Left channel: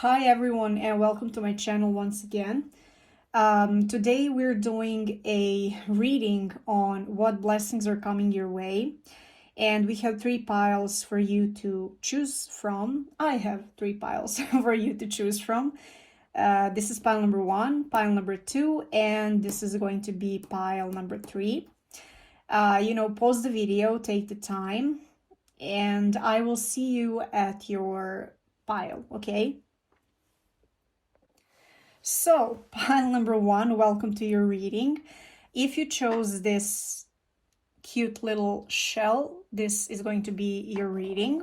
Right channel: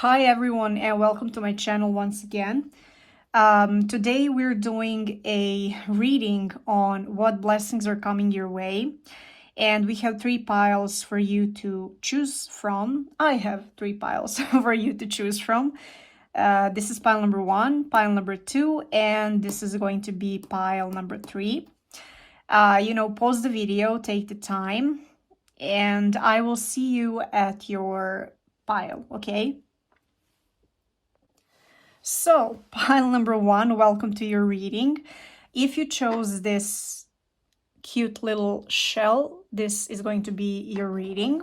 Hi everyone and welcome to my channel once again. Today we're doing a reading on what blessings are coming your way, and we have three piles for you to choose from. I have three piles for you to choose from. This is pile number 1, pile number 2, and this is going to be pile number 3. Pause the video, take the time, and I will see you at your pile, okay? So, pile number 1, welcome to your reading. If you chose this cute little shell, this is going to be your reading.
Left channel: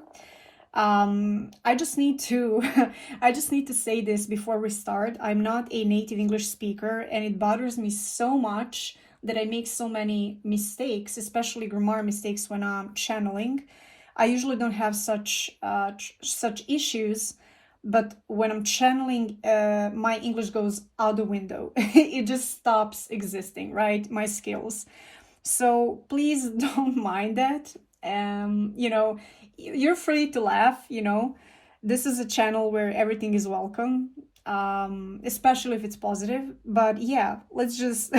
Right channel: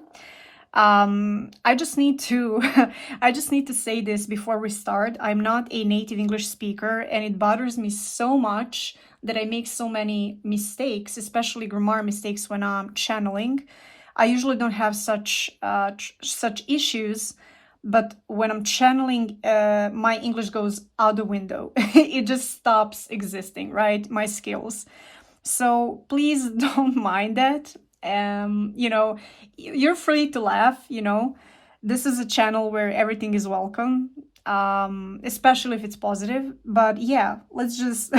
I just need to say this before we start. I'm not a native English speaker, and it bothers me so much that I make so many mistakes, especially grammar mistakes when I'm channeling. I usually don't have such issues, but when I'm channeling, my English goes out the window. It just stops existing, right? My skills. So please don't mind that. You're free to laugh, This is a channel where everything is welcome, especially if it's positive. But yeah, let's just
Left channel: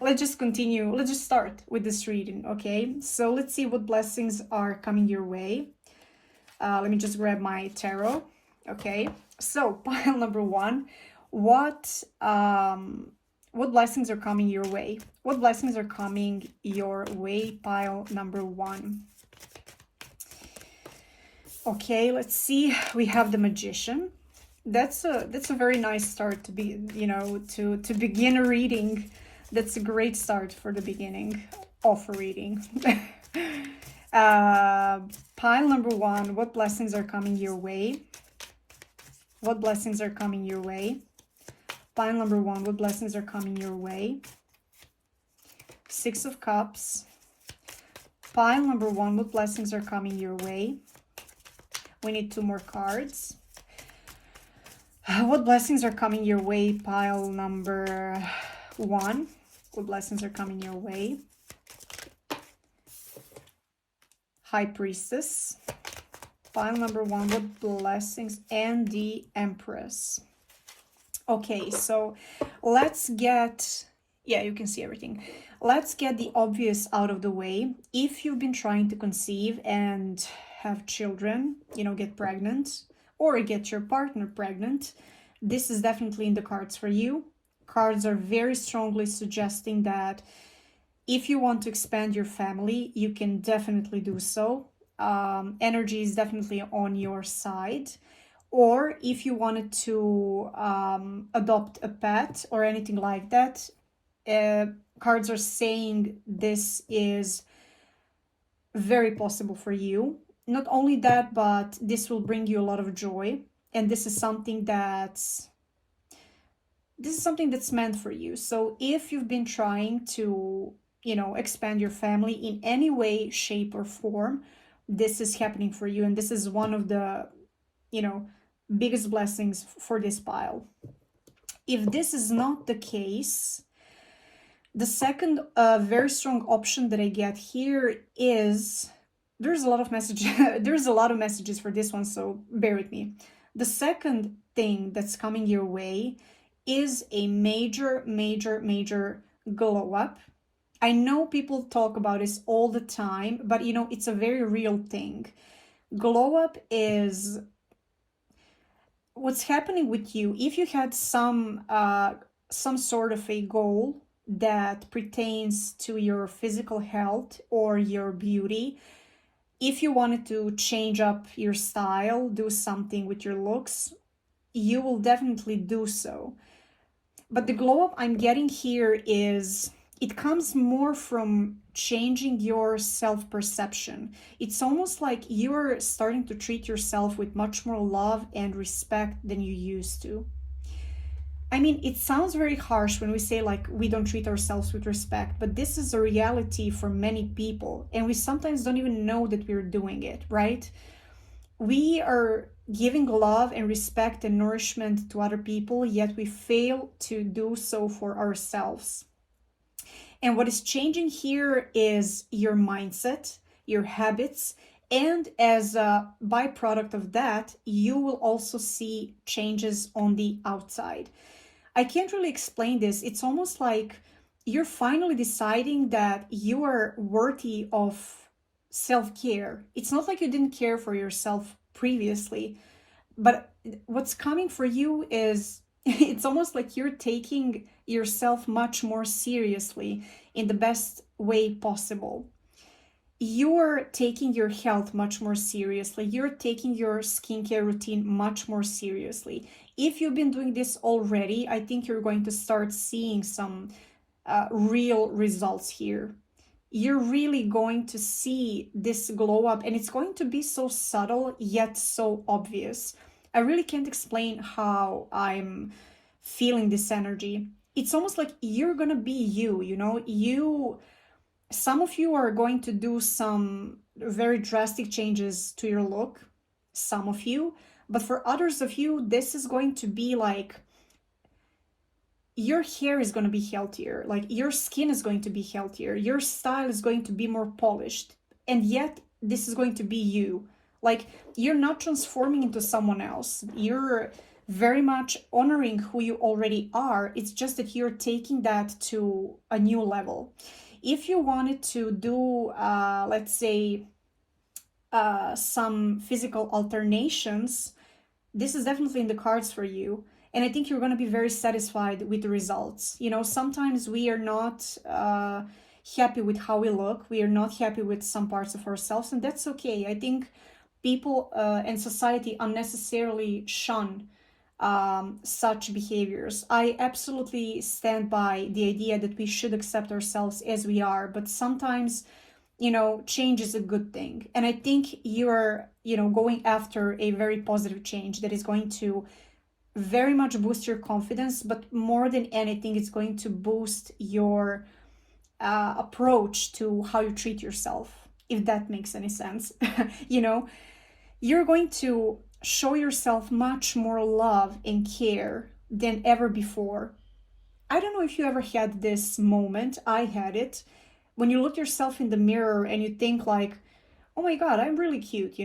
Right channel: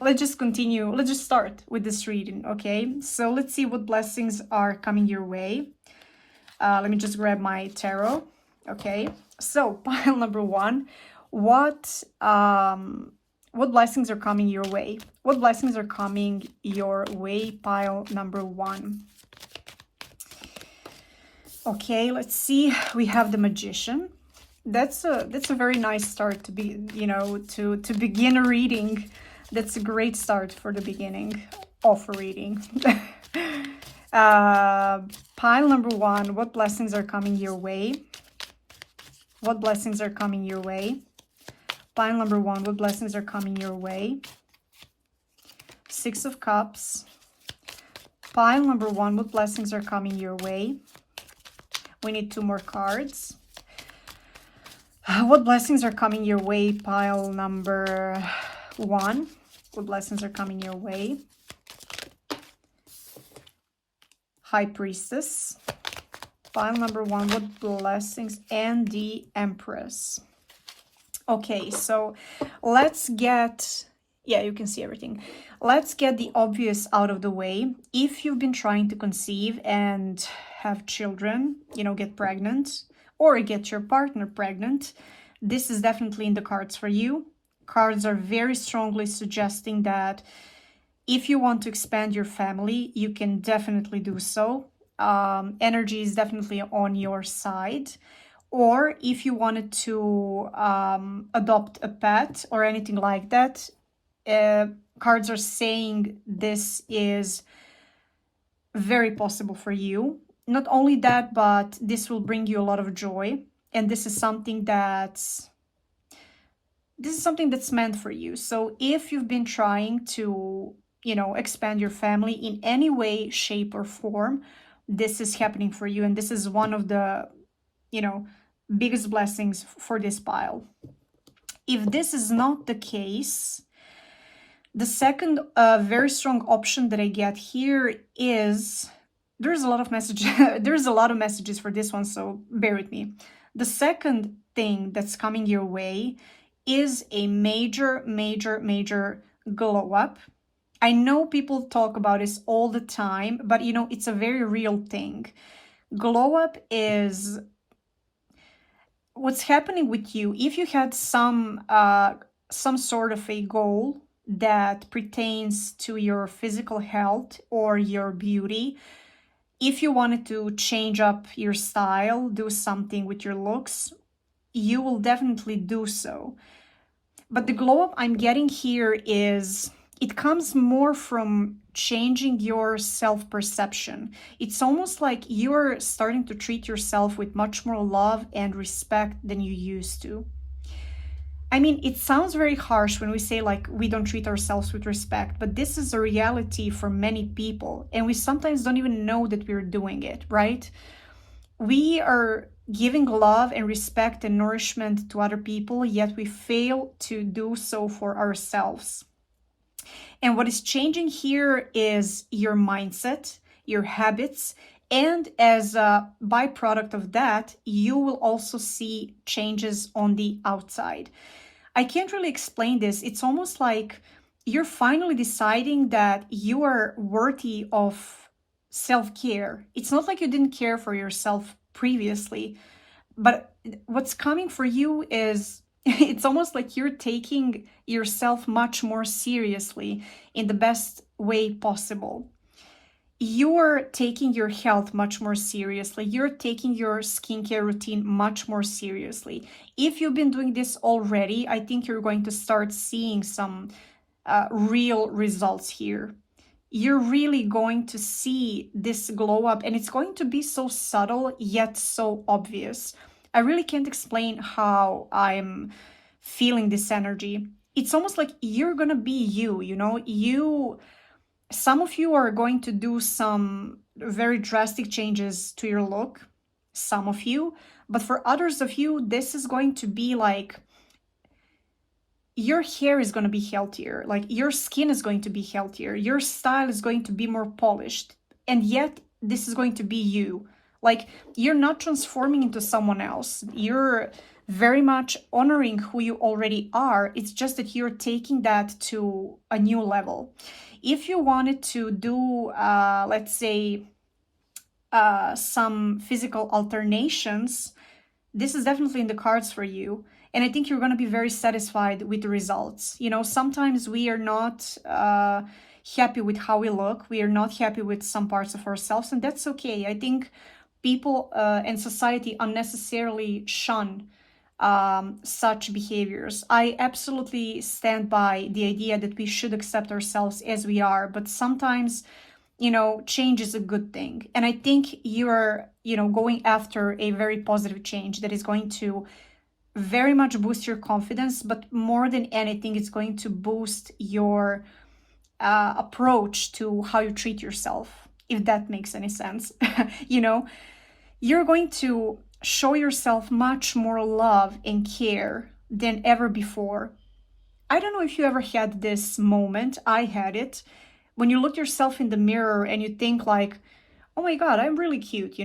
let's just continue. Let's just start with this reading, okay? So let's see what blessings are coming your way. Let me just grab my tarot. Okay, so pile number 1, what blessings are coming your way? What blessings are coming your way, pile number 1? Okay, let's see. We have the Magician. That's a very nice start to be, to begin a reading. That's a great start for the beginning of a reading. Pile number 1, what blessings are coming your way? What blessings are coming your way? Pile number 1, what blessings are coming your way? 6 of Cups. Pile number 1, what blessings are coming your way? We need 2 more cards. What blessings are coming your way, pile number 1? What blessings are coming your way? High Priestess. Pile number 1, what blessings? And the Empress. Okay, so let's get, yeah, you can see everything. Let's get the obvious out of the way. If you've been trying to conceive and have children, get pregnant, or get your partner pregnant, this is definitely in the cards for you. Cards are very strongly suggesting that if you want to expand your family, you can definitely do so. Energy is definitely on your side. Or if you wanted to adopt a pet or anything like that, cards are saying this is very possible for you. Not only that, but this will bring you a lot of joy. And this is something that's meant for you. So if you've been trying to, expand your family in any way, shape, or form, this is happening for you. And this is one of the, biggest blessings for this pile. If this is not the case, the second very strong option that I get here is, there's a lot of messages for this one, so bear with me. The second thing that's coming your way is a major glow up. I know people talk about this all the time, but it's a very real thing. Glow up is what's happening with you. If you had some sort of a goal that pertains to your physical health or your beauty, if you wanted to change up your style, do something with your looks, you will definitely do so. But the glow up I'm getting here is, it comes more from changing your self-perception. It's almost like you're starting to treat yourself with much more love and respect than you used to. I mean, it sounds very harsh when we say like we don't treat ourselves with respect, but this is a reality for many people, and we sometimes don't even know that we're doing it, right? We are giving love and respect and nourishment to other people, yet we fail to do so for ourselves. And what is changing here is your mindset, your habits, And as a byproduct of that, you will also see changes on the outside. I can't really explain this. It's almost like you're finally deciding that you are worthy of self-care. It's not like you didn't care for yourself previously, but what's coming for you is it's almost like you're taking yourself much more seriously in the best way possible. You're taking your health much more seriously. You're taking your skincare routine much more seriously. If you've been doing this already, I think you're going to start seeing some real results here. You're really going to see this glow up, and it's going to be so subtle yet so obvious. I really can't explain how I'm feeling this energy. It's almost like you're gonna be you. Some of you are going to do some very drastic changes to your look, some of you, but for others of you, this is going to be like your hair is going to be healthier, like your skin is going to be healthier, your style is going to be more polished, and yet this is going to be you. Like, you're not transforming into someone else. You're very much honoring who you already are. It's just that you're taking that to a new level. If you wanted to do, let's say, some physical alternations, this is definitely in the cards for you. And I think you're going to be very satisfied with the results. Sometimes we are not happy with how we look. We are not happy with some parts of ourselves, and that's okay. I think people and society unnecessarily shun such behaviors. I absolutely stand by the idea that we should accept ourselves as we are, but sometimes, change is a good thing. And I think you're, going after a very positive change that is going to very much boost your confidence, but more than anything, it's going to boost your approach to how you treat yourself, if that makes any sense. You're going to show yourself much more love and care than ever before. I don't know if you ever had this moment. I had it. When you look yourself in the mirror and you think like, oh my God, I'm really cute,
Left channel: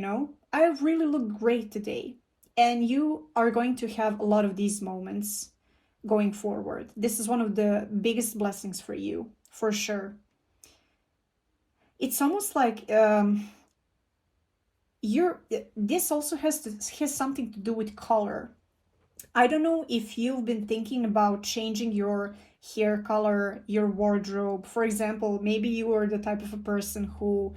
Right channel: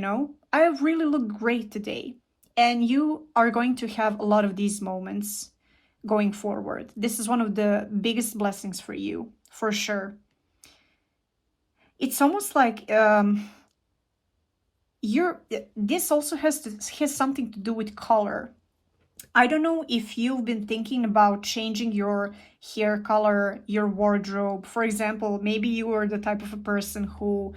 I really look great today. And you are going to have a lot of these moments going forward. This is one of the biggest blessings for you, for sure. It's almost like this also has something to do with color. I don't know if you've been thinking about changing your hair color, your wardrobe. For example, maybe you are the type of a person who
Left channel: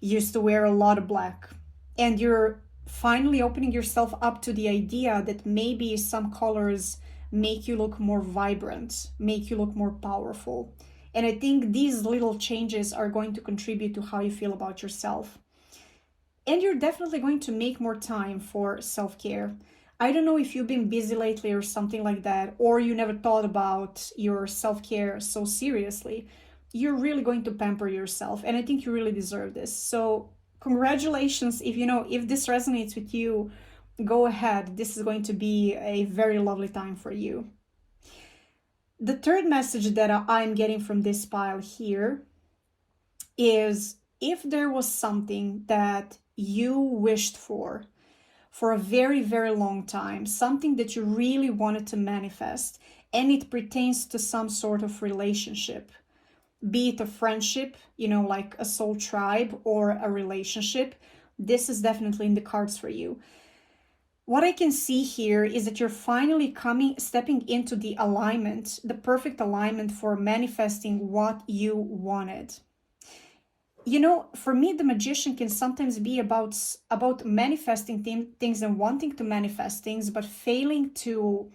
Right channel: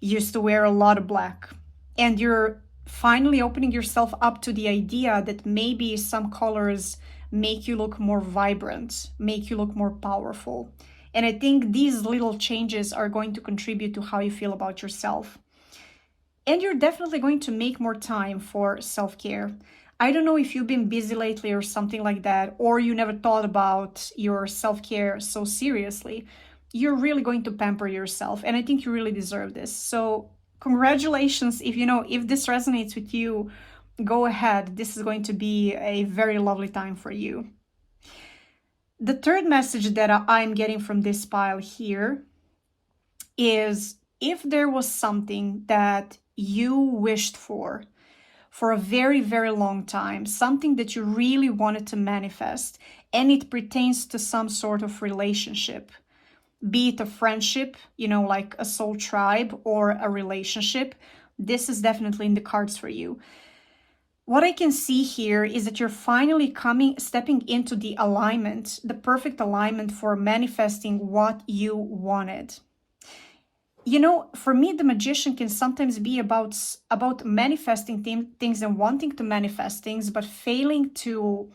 used to wear a lot of black, and you're finally opening yourself up to the idea that maybe some colors make you look more vibrant, make you look more powerful. And I think these little changes are going to contribute to how you feel about yourself. And you're definitely going to make more time for self-care. I don't know if you've been busy lately or something like that, or you never thought about your self-care so seriously. You're really going to pamper yourself, and I think you really deserve this. So congratulations. If this resonates with you, go ahead. This is going to be a very lovely time for you. The third message that I'm getting from this pile here is, if there was something that you wished for a very, very long time, something that you really wanted to manifest, and it pertains to some sort of relationship, be it a friendship, like a soul tribe, or a relationship, this is definitely in the cards for you. What I can see here is that you're finally stepping into the alignment, the perfect alignment for manifesting what you wanted. For me, the magician can sometimes be about manifesting things and wanting to manifest things, but failing to,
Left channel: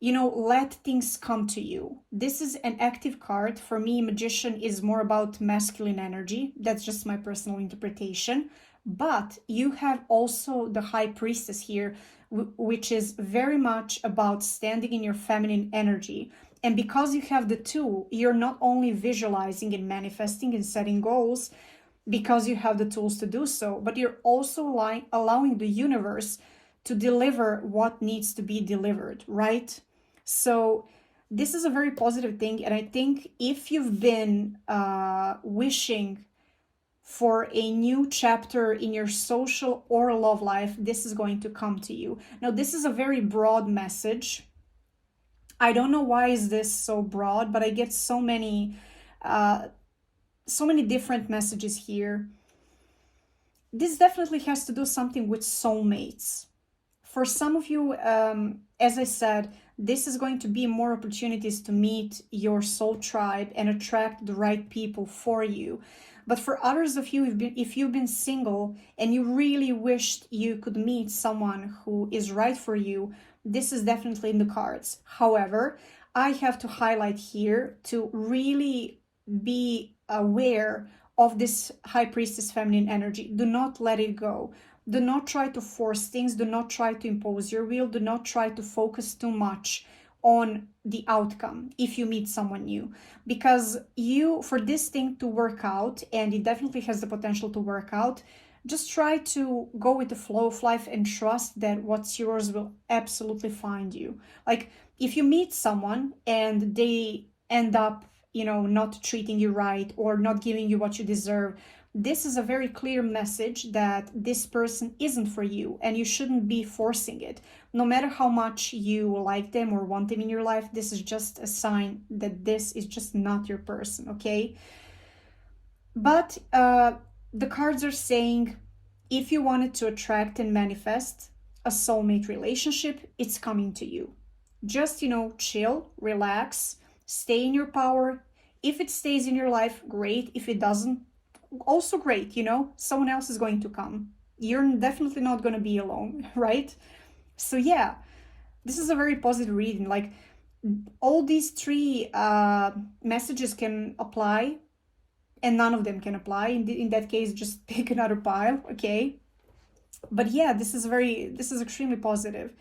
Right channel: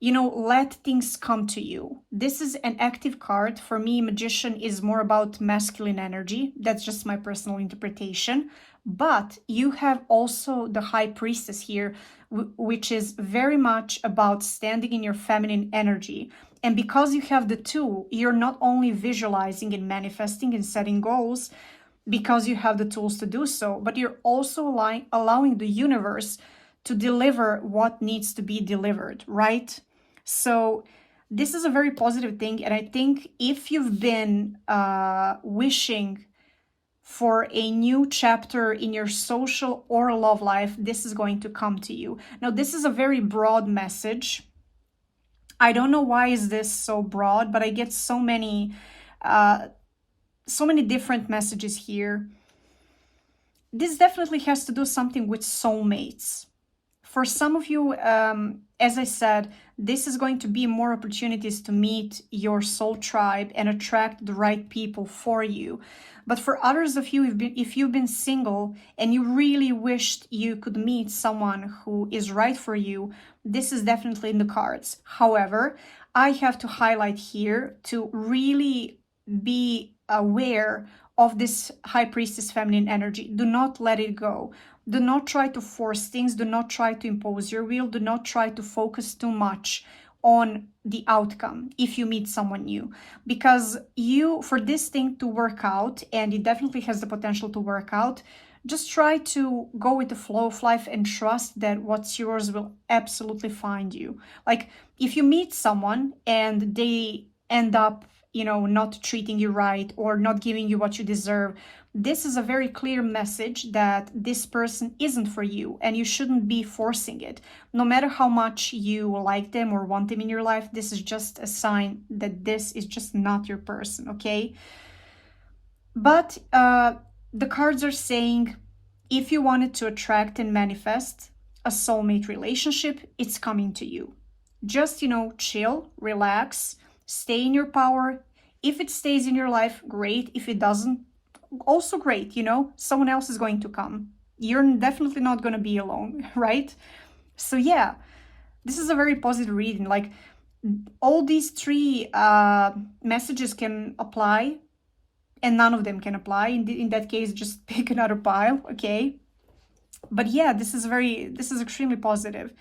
let things come to you. This is an active card. For me, magician is more about masculine energy. That's just my personal interpretation. But you have also the high priestess here, which is very much about standing in your feminine energy. And because you have the two, you're not only visualizing and manifesting and setting goals because you have the tools to do so, but you're also allowing the universe to deliver what needs to be delivered, right? So this is a very positive thing. And I think if you've been wishing for a new chapter in your social or love life, this is going to come to you. Now, this is a very broad message. I don't know why is this so broad, but I get so many different messages here. This definitely has to do something with soulmates. For some of you, as I said, this is going to be more opportunities to meet your soul tribe and attract the right people for you. But for others of you, if you've been single and you really wished you could meet someone who is right for you, this is definitely in the cards. However, I have to highlight here to really be aware of this High Priestess feminine energy. Do not let it go. Do not try to force things. Do not try to impose your will. Do not try to focus too much on the outcome if you meet someone new, because for this thing to work out, and it definitely has the potential to work out, just try to go with the flow of life and trust that what's yours will absolutely find you. Like, if you meet someone and they end up, not treating you right or not giving you what you deserve, this is a very clear message that this person isn't for you and you shouldn't be forcing it. No matter how much you like them or want them in your life, this is just a sign that this is just not your person, okay? But the cards are saying, if you wanted to attract and manifest a soulmate relationship, it's coming to you. Just, chill, relax, stay in your power. If it stays in your life, great. If it doesn't, also great. Someone else is going to come. You're definitely not going to be alone, right? So yeah, this is a very positive reading. Like, all these three messages can apply, and none of them can apply. In that case, just pick another pile, okay? But yeah, this is extremely positive.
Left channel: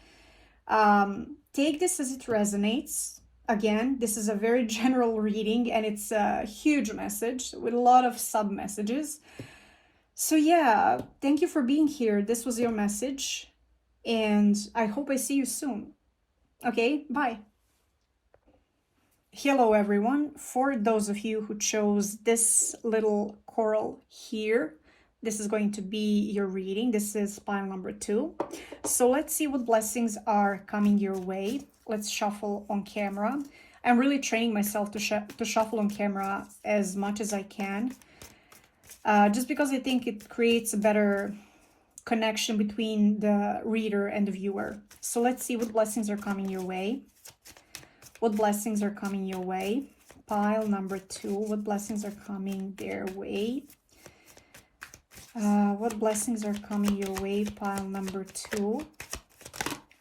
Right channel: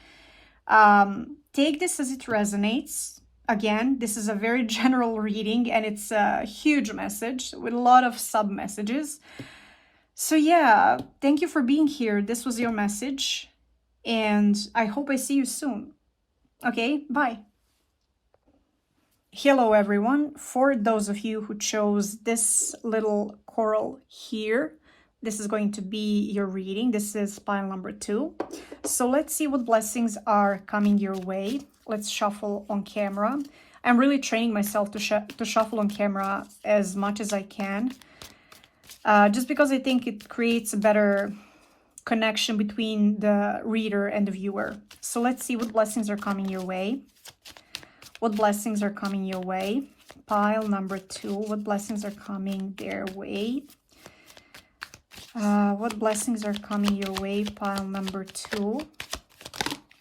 Take this as it resonates. Again, this is a very general reading, and it's a huge message with a lot of sub messages. So yeah, thank you for being here. This was your message, and I hope I see you soon. Okay, bye. Hello everyone. For those of you who chose this little coral here, this is going to be your reading. This is pile number 2. So let's see what blessings are coming your way. Let's shuffle on camera. I'm really training myself to shuffle on camera as much as I can, just because I think it creates a better connection between the reader and the viewer. So let's see what blessings are coming your way. What blessings are coming your way? Pile number 2. What blessings are coming their way? What blessings are coming your way? Pile number 2.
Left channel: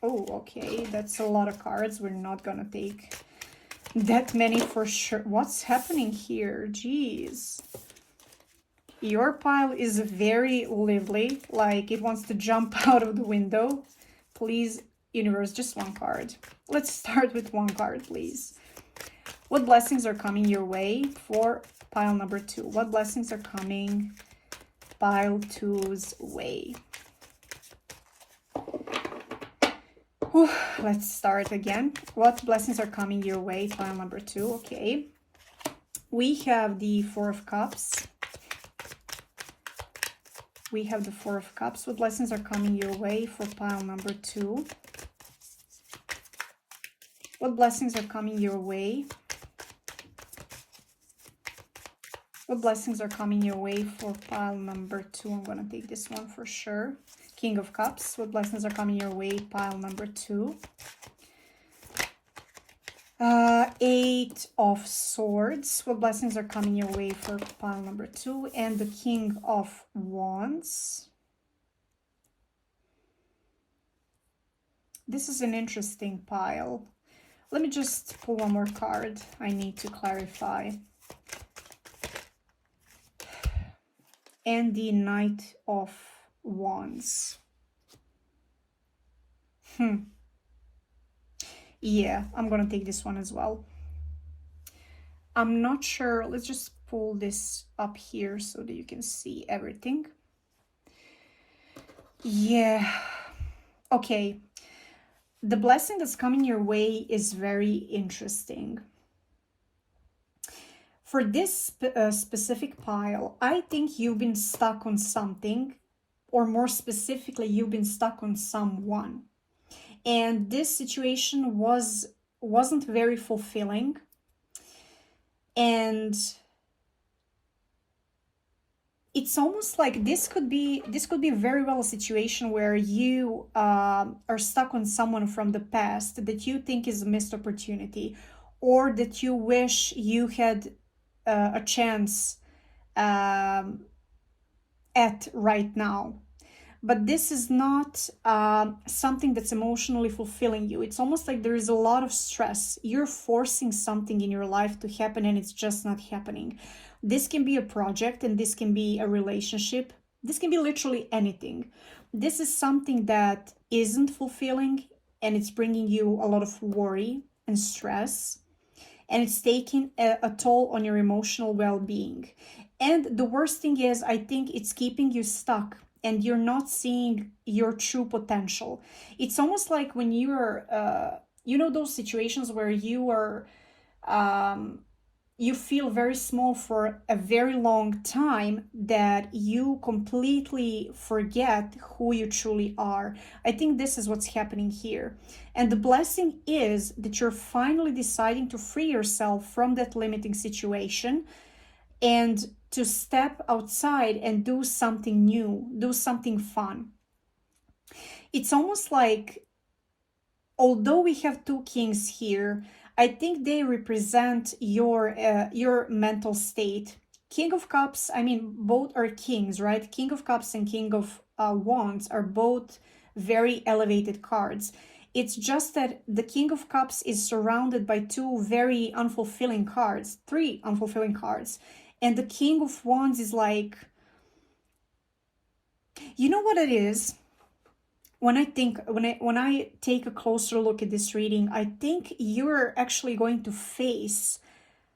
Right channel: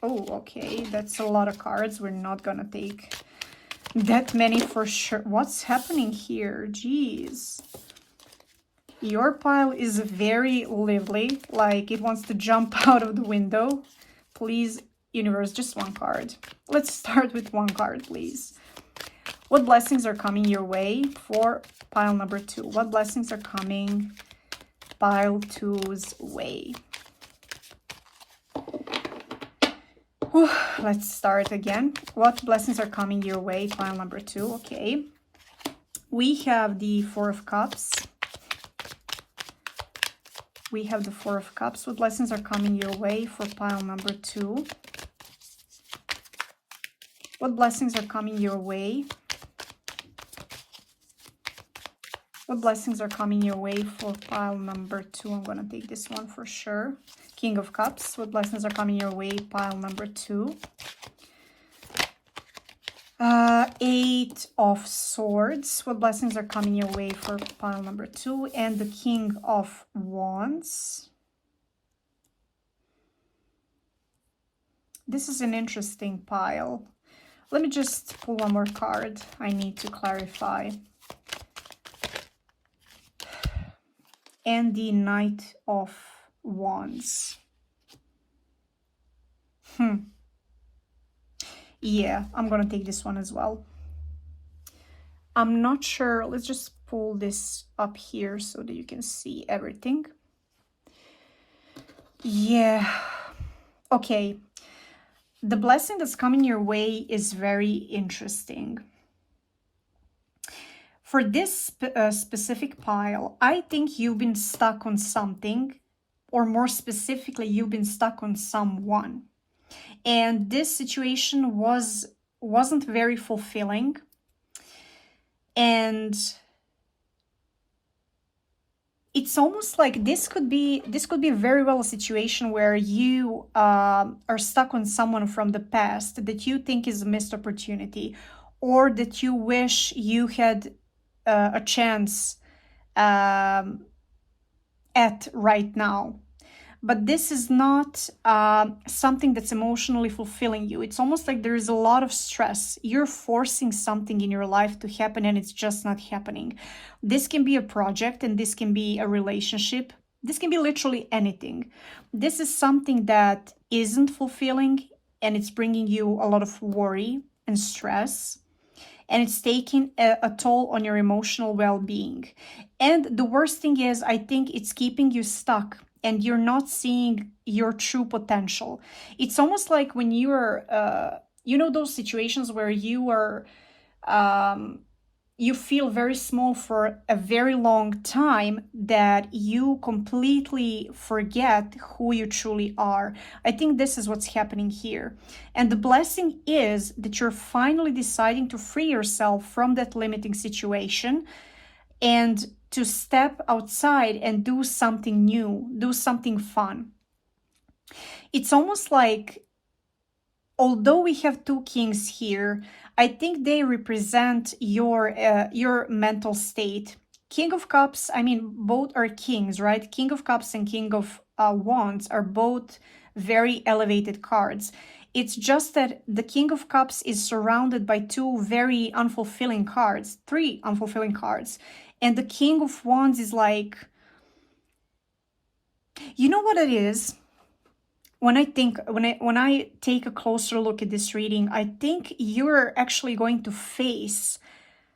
Oh, okay. That's a lot of cards. We're not gonna take that many for sure. What's happening here? Jeez. Your pile is very lively. Like, it wants to jump out of the window. Please, universe, just one card. Let's start with one card, please. What blessings are coming your way for pile number 2? What blessings are coming pile 2's way? Whew, let's start again. What blessings are coming your way, pile number 2? Okay. We have the 4 of Cups. We have the 4 of Cups. What blessings are coming your way for pile number 2? What blessings are coming your way? What blessings are coming your way for pile number 2? I'm going to take this one for sure. King of Cups. What blessings are coming your way? Pile number 2. 8 of Swords. What blessings are coming your way for pile number 2? And the King of Wands. This is an interesting pile. Let me just pull one more card. I need to clarify. And the Knight of Wands. Yeah, I'm gonna take this one as well. I'm not sure. Let's just pull this up here so that you can see everything. Yeah. Okay. The blessing that's coming your way is very interesting. For this specific pile, I think you've been stuck on something, or more specifically, you've been stuck on someone. And this situation wasn't very fulfilling. And it's almost like this could be very well a situation where you are stuck on someone from the past that you think is a missed opportunity, or that you wish you had a chance at right now. But this is not something that's emotionally fulfilling you. It's almost like there is a lot of stress. You're forcing something in your life to happen and it's just not happening. This can be a project, and this can be a relationship. This can be literally anything. This is something that isn't fulfilling, and it's bringing you a lot of worry and stress, and it's taking a toll on your emotional well-being. And the worst thing is, I think it's keeping you stuck, and you're not seeing your true potential. It's almost like when you're, those situations where you are, you feel very small for a very long time, that you completely forget who you truly are. I think this is what's happening here. And the blessing is that you're finally deciding to free yourself from that limiting situation and to step outside and do something new, do something fun. It's almost like, although we have two kings here, I think they represent your mental state. King of Cups, I mean, both are kings, right? King of Cups and King of Wands are both very elevated cards. It's just that the King of Cups is surrounded by two very unfulfilling cards, three unfulfilling cards. And the King of Wands is like, you know what it is? When I take a closer look at this reading, I think you're actually going to face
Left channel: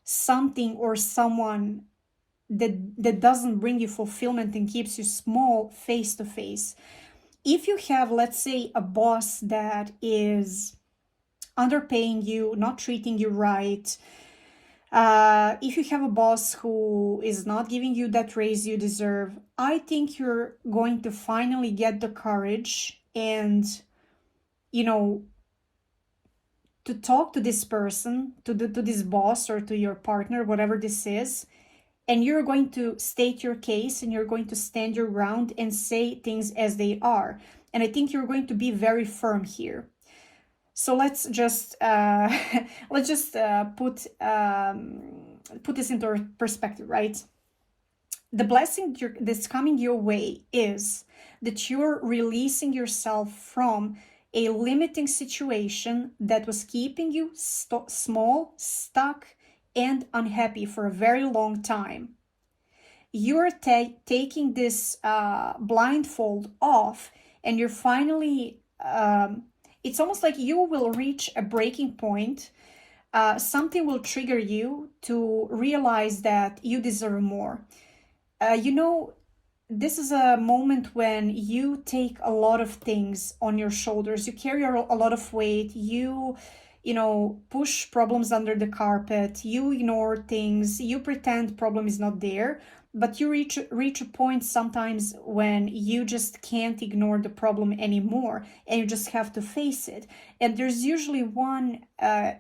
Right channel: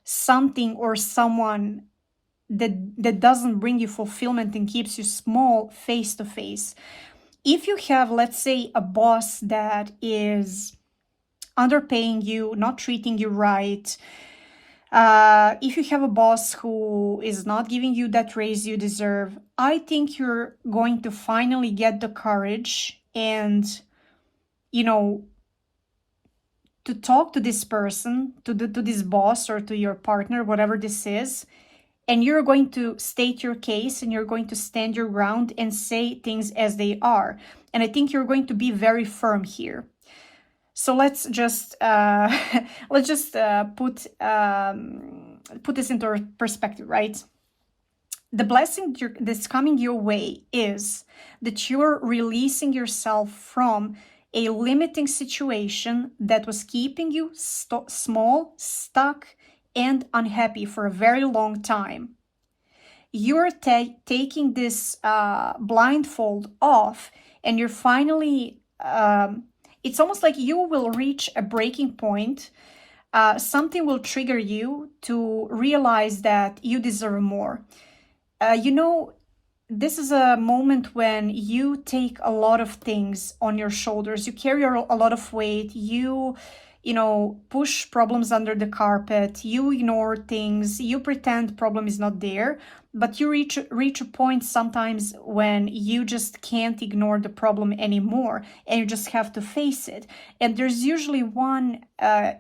something or someone that doesn't bring you fulfillment and keeps you small face to face. If you have, let's say, a boss that is underpaying you, not treating you right, if you have a boss who is not giving you that raise you deserve, I think you're going to finally get the courage and, to talk to this person, to this boss or to your partner, whatever this is, and you're going to state your case and you're going to stand your ground and say things as they are. And I think you're going to be very firm here. So let's just put this into perspective, right? The blessing that's coming your way is that you're releasing yourself from a limiting situation that was keeping you small, stuck, and unhappy for a very long time. You're taking this blindfold off, and you're finally, it's almost like you will reach a breaking point. Something will trigger you to realize that you deserve more. This is a moment when you take a lot of things on your shoulders. You carry a lot of weight. You push problems under the carpet. You ignore things. You pretend problem is not there. But you reach a point sometimes when you just can't ignore the problem anymore, and you just have to face it. And there's usually one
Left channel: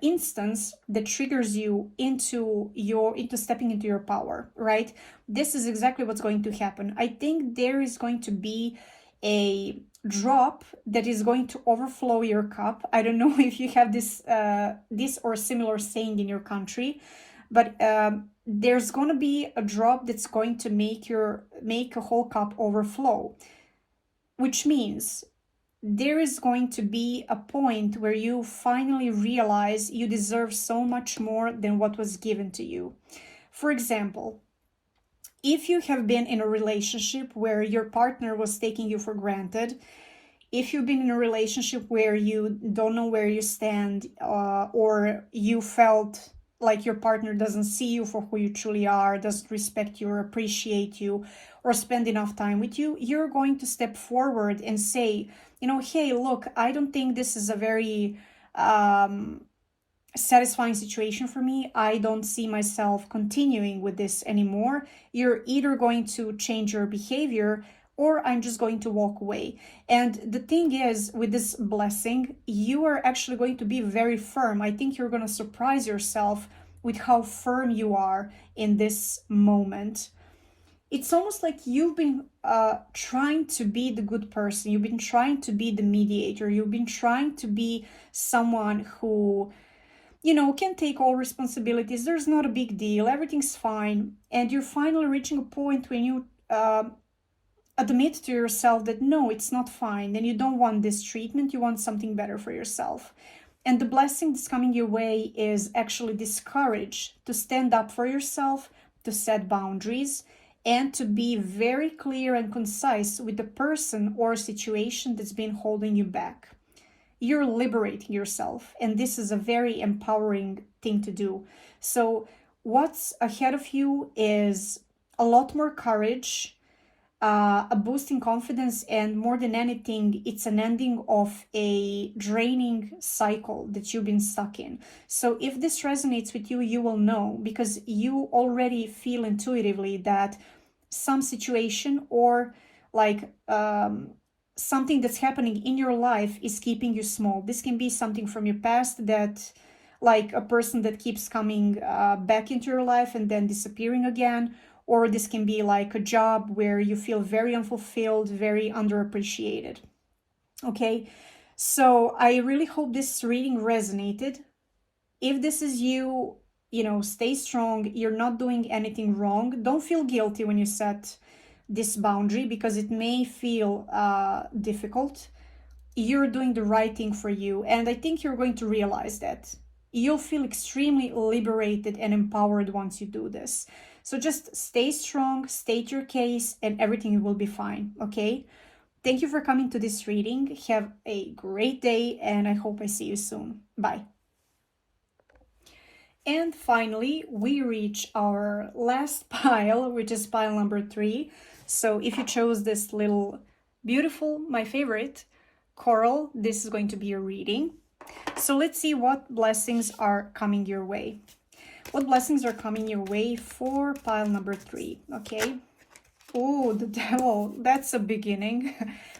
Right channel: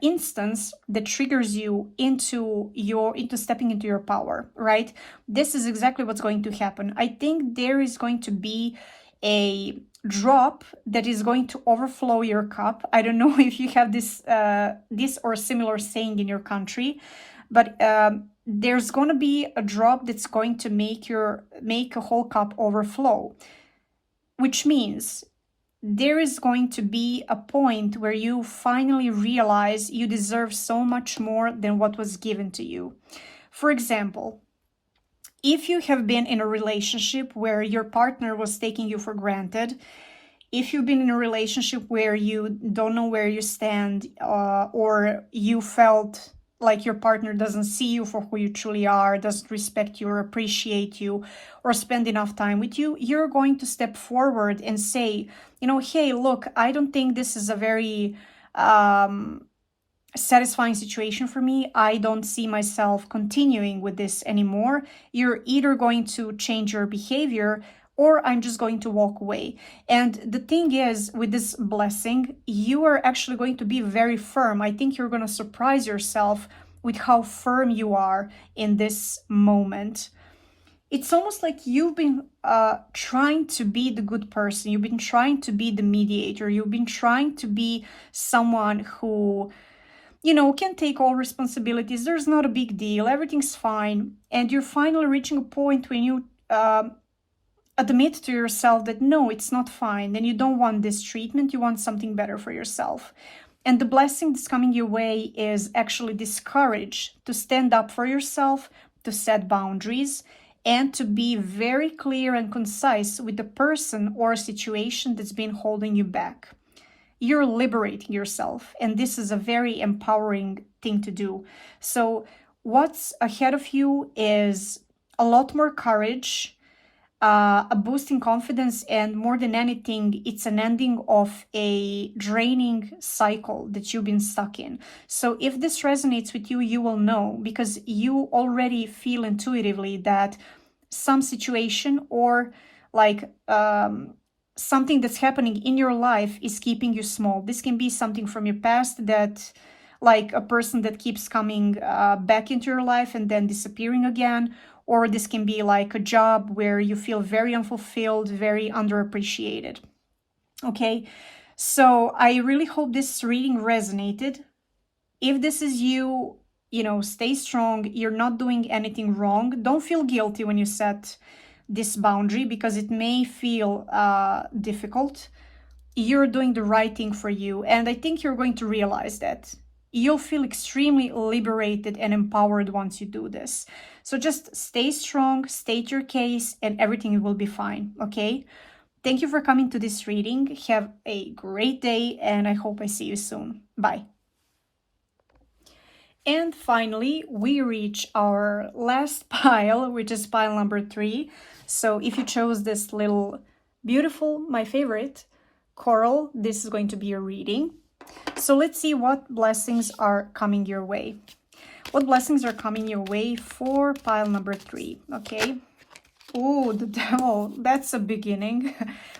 instance that triggers you into stepping into your power, right? This is exactly what's going to happen. I think there is going to be a drop that is going to overflow your cup. I don't know if you have this or similar saying in your country, but there's going to be a drop that's going to make a whole cup overflow, which means there is going to be a point where you finally realize you deserve so much more than what was given to you. For example, if you have been in a relationship where your partner was taking you for granted, if you've been in a relationship where you don't know where you stand, or you felt like your partner doesn't see you for who you truly are, doesn't respect you or appreciate you or spend enough time with you, you're going to step forward and say, hey, look, I don't think this is a very satisfying situation for me. I don't see myself continuing with this anymore. You're either going to change your behavior or I'm just going to walk away. And the thing is, with this blessing, you are actually going to be very firm. I think you're going to surprise yourself with how firm you are in this moment. It's almost like you've been trying to be the good person. You've been trying to be the mediator. You've been trying to be someone who, can take all responsibilities. There's not a big deal. Everything's fine. And you're finally reaching a point when you admit to yourself that no, it's not fine. And you don't want this treatment. You want something better for yourself. And the blessing that's coming your way is actually this courage to stand up for yourself, to set boundaries, and to be very clear and concise with the person or situation that's been holding you back. You're liberating yourself, and this is a very empowering thing to do. So what's ahead of you is a lot more courage, a boost in confidence, and more than anything, it's an ending of a draining cycle that you've been stuck in. So if this resonates with you, you will know, because you already feel intuitively that some situation or like something that's happening in your life is keeping you small. This can be something from your past, that like a person that keeps coming back into your life and then disappearing again. Or this can be like a job where you feel very unfulfilled, very underappreciated. Okay, so I really hope this reading resonated. If this is you, stay strong. You're not doing anything wrong. Don't feel guilty when you set this boundary, because it may feel difficult. You're doing the right thing for you. And I think you're going to realize that. You'll feel extremely liberated and empowered once you do this. So just stay strong, state your case, and everything will be fine, okay? Thank you for coming to this reading. Have a great day, and I hope I see you soon. Bye. And finally, we reach our last pile, which is pile number 3. So if you chose this little beautiful, my favorite, coral, this is going to be your reading. So let's see what blessings are coming your way. What blessings are coming your way for pile number 3, okay? Oh, the devil, that's a beginning.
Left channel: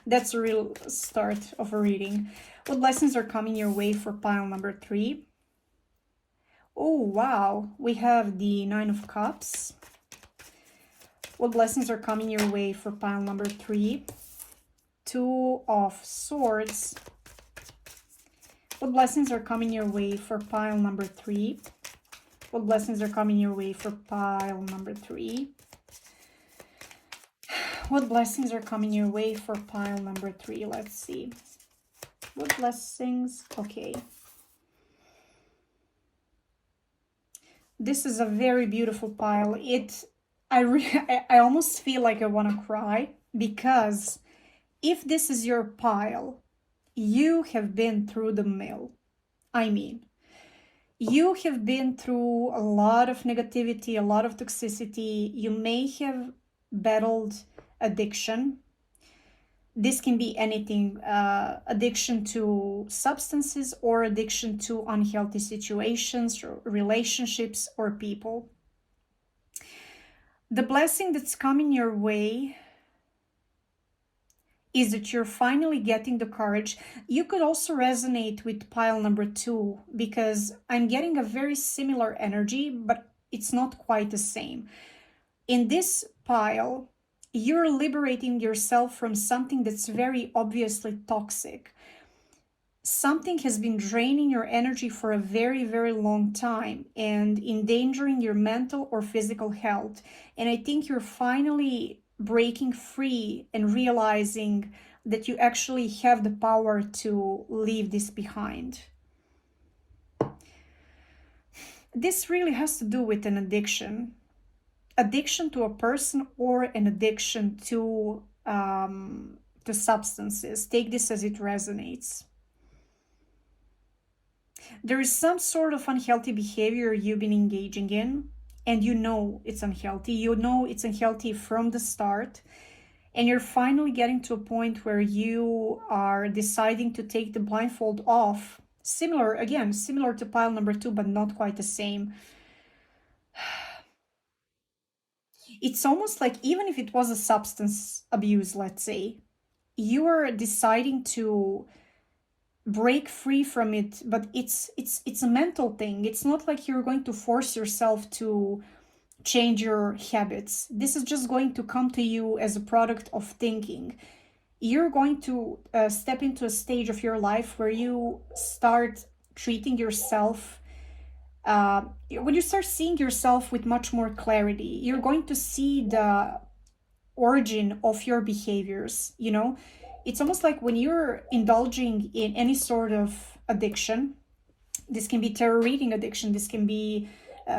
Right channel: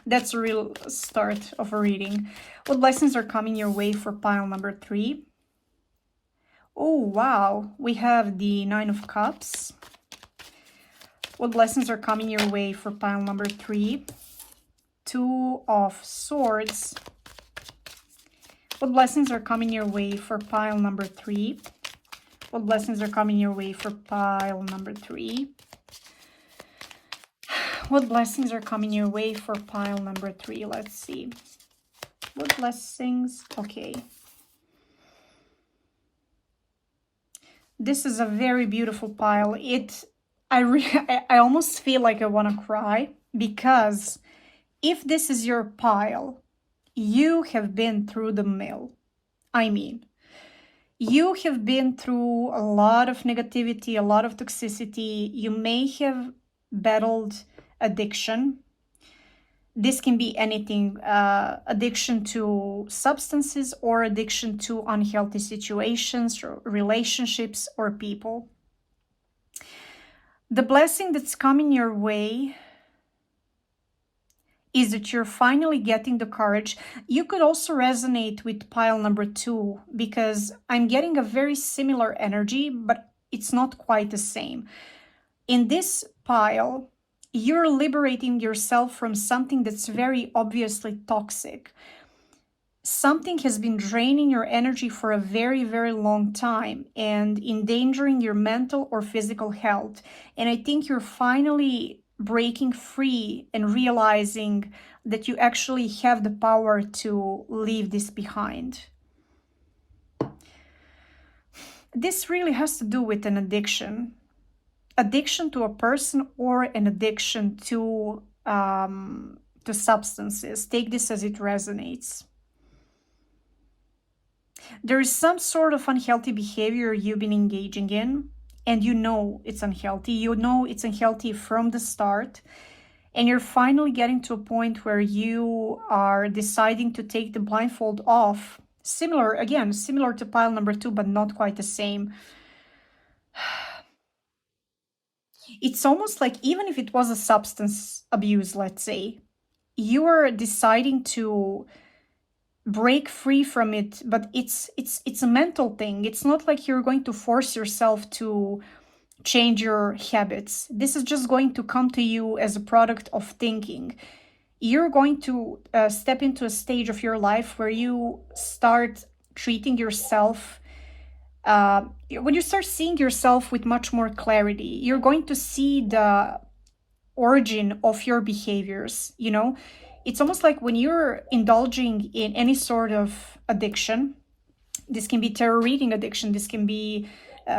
That's a real start of a reading. What blessings are coming your way for pile number 3? Oh, wow, we have the 9 of Cups. What blessings are coming your way for pile number 3? 2 of Swords. What blessings are coming your way for pile number 3? What blessings are coming your way for pile number 3? What blessings are coming your way for pile number 3? Let's see. What blessings? Okay. This is a very beautiful pile. I almost feel like I want to cry, because if this is your pile, you have been through the mill. I mean, you have been through a lot of negativity, a lot of toxicity. You may have battled addiction. This can be anything, addiction to substances or addiction to unhealthy situations, or relationships, or people. The blessing that's coming your way is that you're finally getting the courage. You could also resonate with pile number 2, because I'm getting a very similar energy, but it's not quite the same. In this pile, you're liberating yourself from something that's very obviously toxic. Something has been draining your energy for a very, very long time and endangering your mental or physical health. And I think you're finally breaking free and realizing that you actually have the power to leave this behind. This really has to do with an addiction. Addiction to a person, or an addiction to substances. Take this as it resonates. There is some sort of unhealthy behavior you've been engaging in, and you know it's unhealthy. You know it's unhealthy from the start, and you're finally getting to a point where you are deciding to take the blindfold off Similar, again, similar to pile number 2, but not quite the same. It's almost like even if it was a substance abuse, let's say, you are deciding to break free from it, but it's a mental thing. It's not like you're going to force yourself to change your habits. This is just going to come to you as a product of thinking. You're going to step into a stage of your life where you start treating yourself, when you start seeing yourself with much more clarity. You're going to see the origin of your behaviors, you know? It's almost like when you're indulging in any sort of addiction, this can be tarot reading addiction, this can be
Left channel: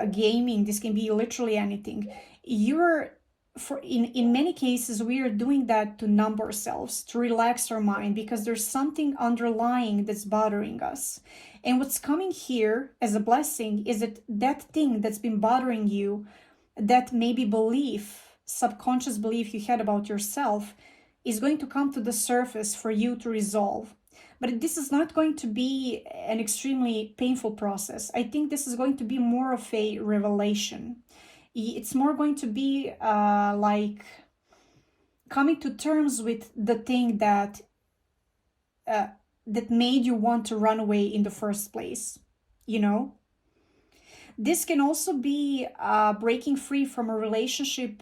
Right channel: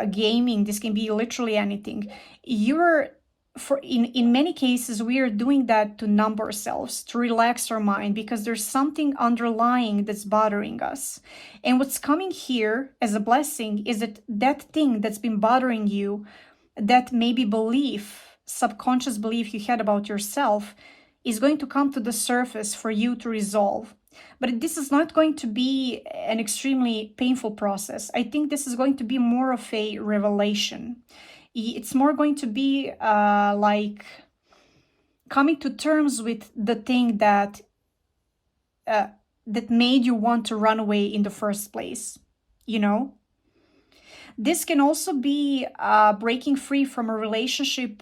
gaming, this can be literally anything. In many cases, we are doing that to numb ourselves, to relax our mind, because there's something underlying that's bothering us. And what's coming here as a blessing is that that thing that's been bothering you, that maybe belief, subconscious belief you had about yourself, is going to come to the surface for you to resolve. But this is not going to be an extremely painful process. I think this is going to be more of a revelation. It's more going to be like coming to terms with the thing that that made you want to run away in the first place, you know? This can also be breaking free from a relationship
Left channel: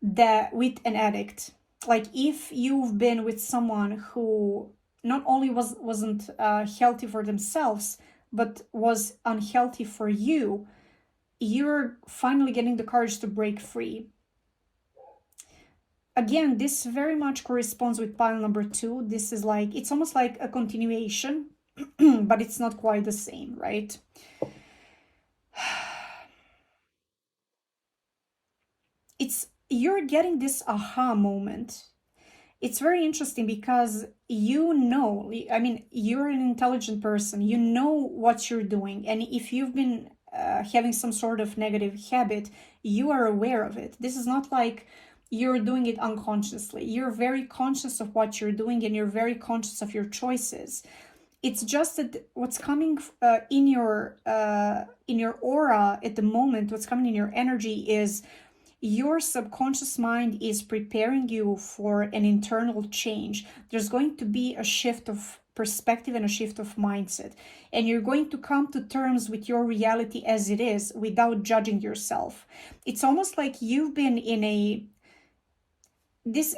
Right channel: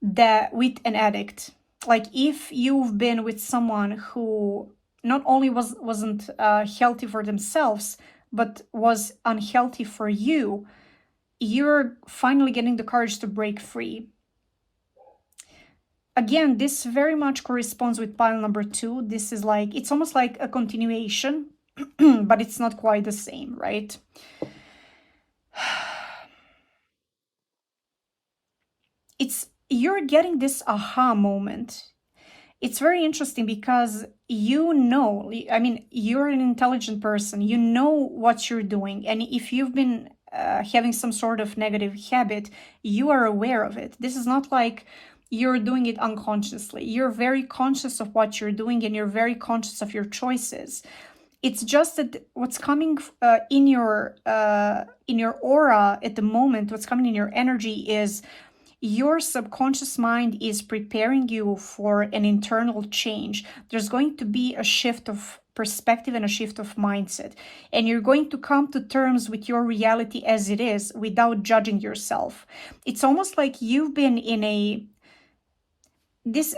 that with an addict. Like if you've been with someone who not only wasn't healthy for themselves, but was unhealthy for you, you're finally getting the courage to break free. Again, this very much corresponds with pile number 2. This is like, it's almost like a continuation, but it's not quite the same, right? You're getting this aha moment. It's very interesting because you know, I mean, you're an intelligent person, you know what you're doing. And if you've been having some sort of negative habit, you are aware of it. This is not like you're doing it unconsciously. You're very conscious of what you're doing and you're very conscious of your choices. It's just that what's coming in your aura at the moment, what's coming in your energy is your subconscious mind is preparing you for an internal change. There's going to be a shift of perspective and a shift of mindset. And you're going to come to terms with your reality as it is without judging yourself. It's almost like you've been in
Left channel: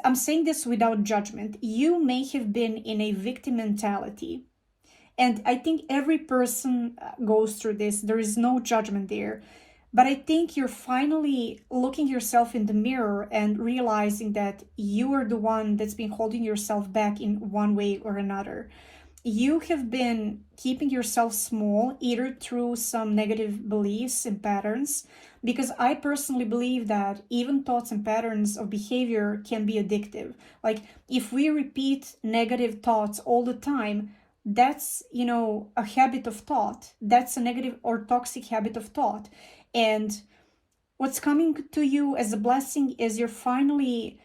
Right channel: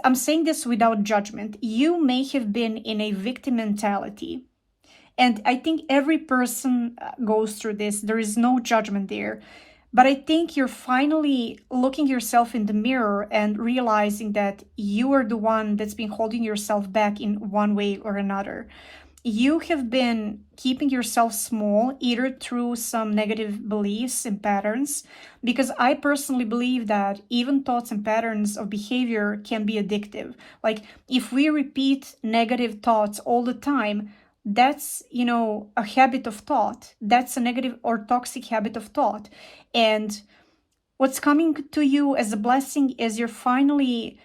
I'm saying this without judgment. You may have been in a victim mentality. And I think every person goes through this. There is no judgment there. But I think you're finally looking yourself in the mirror and realizing that you are the one that's been holding yourself back in one way or another. You have been keeping yourself small, either through some negative beliefs and patterns, because I personally believe that even thoughts and patterns of behavior can be addictive. Like if we repeat negative thoughts all the time, that's, you know, a habit of thought. That's a negative or toxic habit of thought. And what's coming to you as a blessing is you're finally,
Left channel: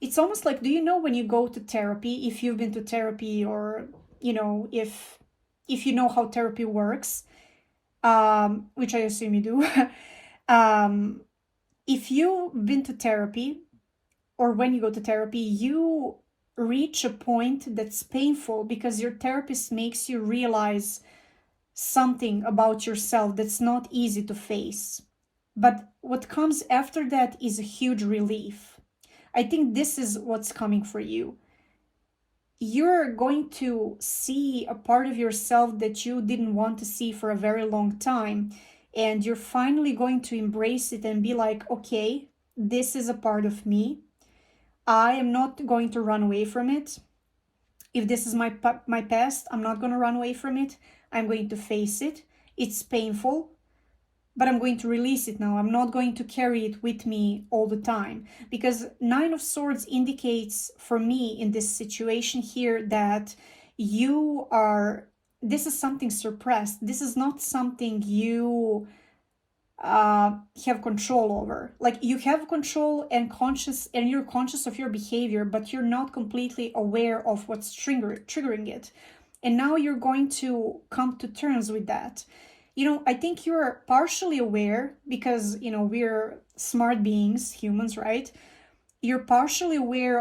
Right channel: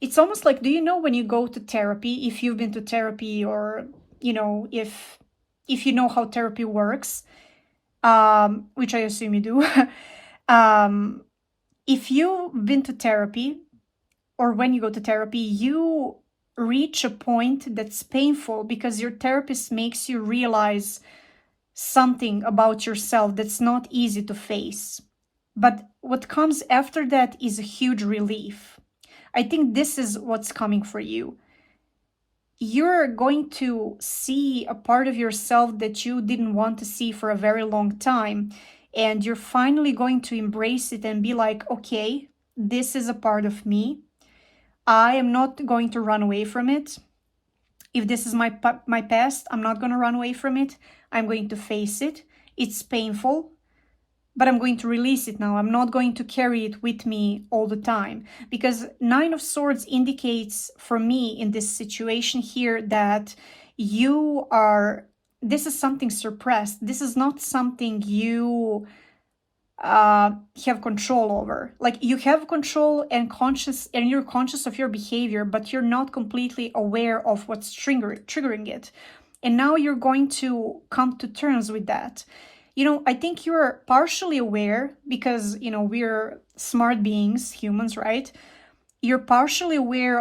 it's almost like, do you know when you go to therapy, if you've been to therapy, or, you know, if you know how therapy works, which I assume you do, if you've been to therapy, or when you go to therapy, you reach a point that's painful because your therapist makes you realize something about yourself that's not easy to face. But what comes after that is a huge relief. I think this is what's coming for you. You're going to see a part of yourself that you didn't want to see for a very long time. And you're finally going to embrace it and be like, okay, this is a part of me. I am not going to run away from it. If this is my past, I'm not going to run away from it. I'm going to face it. It's painful, but I'm going to release it now. I'm not going to carry it with me all the time, because Nine of Swords indicates for me in this situation here that this is something suppressed. This is not something you have control over. Like you have control and you're conscious of your behavior, but you're not completely aware of what's triggering it. And now you're going to come to terms with that. You know, I think you're partially aware because, you know, we're smart beings, humans, right? You're partially aware